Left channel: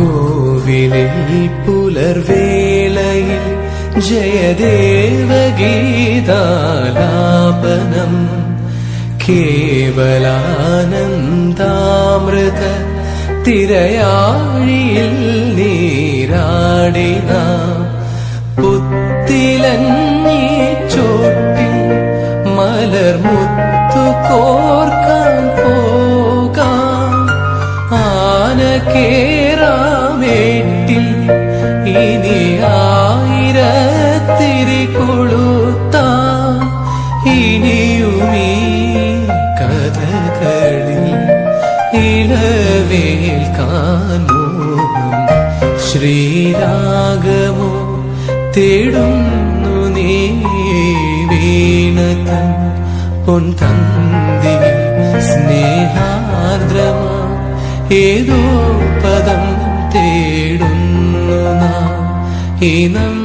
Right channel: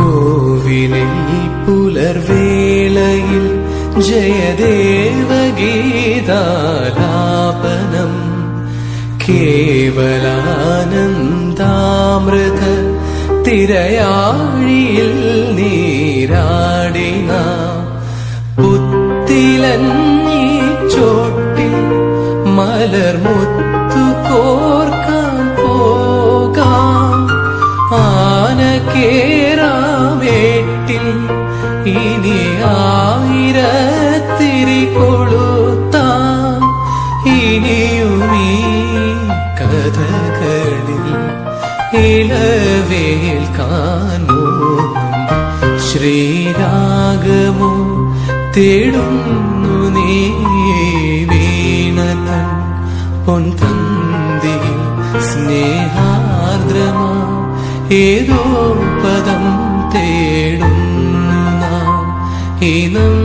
കോവിലിൽ പുലർവേളയിൽ ജയദേവഗീതാലാപനം കേവലാനന്ദാമൃത തിരയാഴിയിൽ നീരാടിന പുത്തിലന്നീ ചോട്ടിൽ മലർമുത്തു കോർക്കാൻ പോകാം ആനക്കേറാമേട്ടിൽ ഇനി ആയിരത്തിരി കൊളുത്താം ഇനിയുമീ കഥകളിൽ ഇളവേൽക്കാൻ മോഹം ശ്രീരാഗമോ തേടുന്നു നീ വീണതൻ പൊൻതന്തിയിൽ സ്നേഹാർദ്രമാ ഏതോ പദം തേടുന്നു നാം ഇനം